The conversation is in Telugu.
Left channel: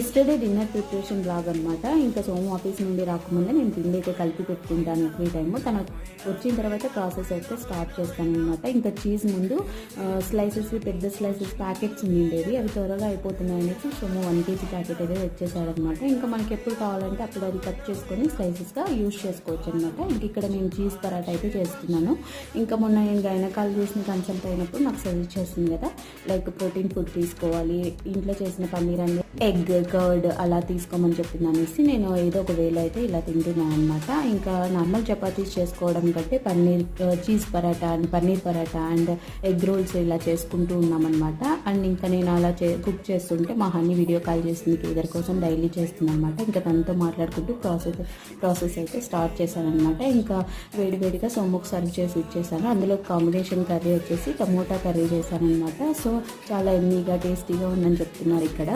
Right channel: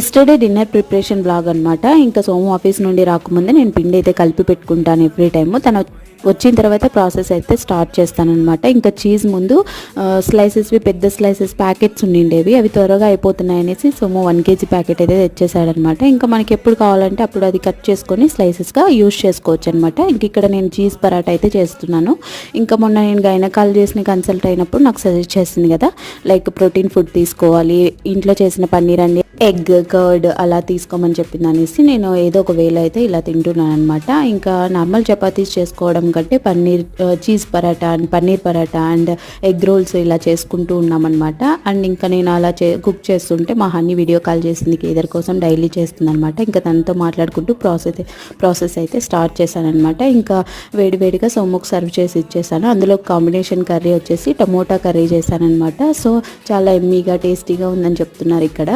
ఎస్టర్డే డిన్నర్ ప్రిపరేషన్ బ్లాగ్ అనమాట. ఇంకా సోము ఆఫీస్ నుండి రాకముందే నేను పిండి అయితే కలిపి పెట్టుకుంటాను ఎవ్రీ టైము. తను వచ్చిన తర్వాత ప్రాసెస్ అయితే స్టార్ట్ చేస్తానన్నమాట. ఇంకా చీజ్ ముందు స్లైసెస్వి పెద్ద స్లైసెస్ ప్యాకెట్స్ ఉండిండేవి, అవి త్వరగా అయిపోతున్నాయి అనేసి సోము 1 kg ప్యాకెట్ అయితే తెచ్చేసాడనమాట. ఇంకా మనకి ఎప్పుడు కావాలంటే అప్పుడు అది కట్ చేసుకొని స్లైసెస్గా యూస్ చేసుకోవచ్చు అనమాట. ఇంక ఇక్కడ నేను చీజ్ పరాటా అయితే చేస్తున్నాను. ఇంకా మొన్న నేను గైనకాలజిస్ట్ని కన్సల్ట్ అయినప్పుడు నాకు సజెస్ట్ చేసింది కదా, లైక్ ప్రోటీన్ ఫుడ్ తీసుకోవాలి, ఇంట్లో చేసిన పన్నీర్ అండి, ఎగ్, కర్డ్ అలా తీసుకోమని చెప్పింది అనేసి నేను ఏదో ఒక వేలో అయితే ఇలా తింటున్నాను అనమాట. ఇంకా నార్మల్ చపాతీస్ చేసుకోవడం కంటే cheese paratha and paneer paratha and egg rolls ఇలా చేసుకుంటూ ఉన్నామన్నమాట. అండ్ ఇంకా నేను అలా కుక్ చేస్తుంటే మా హనీ వీడియో కాల్ చేసింది, కేదర్ కోసం డైలీ చేస్తుంది అనమాట. ఇంకా తనతో మాట్లాడుకుంటూ ప్రాసెస్ అయితే స్టార్ట్ చేశానమాట. ఇంకా వేడివేడిగా సోముకు సర్వ్ చేసి ఇచ్చేసాను. అందులో కాంబినేషన్ కర్రీ వచ్చేసి టమోటా కర్రీ చేశానమాట. సో చాలా ఎమ్మీగా టేస్టీగా ఉందని చెప్తున్నారు ఇక్కడ.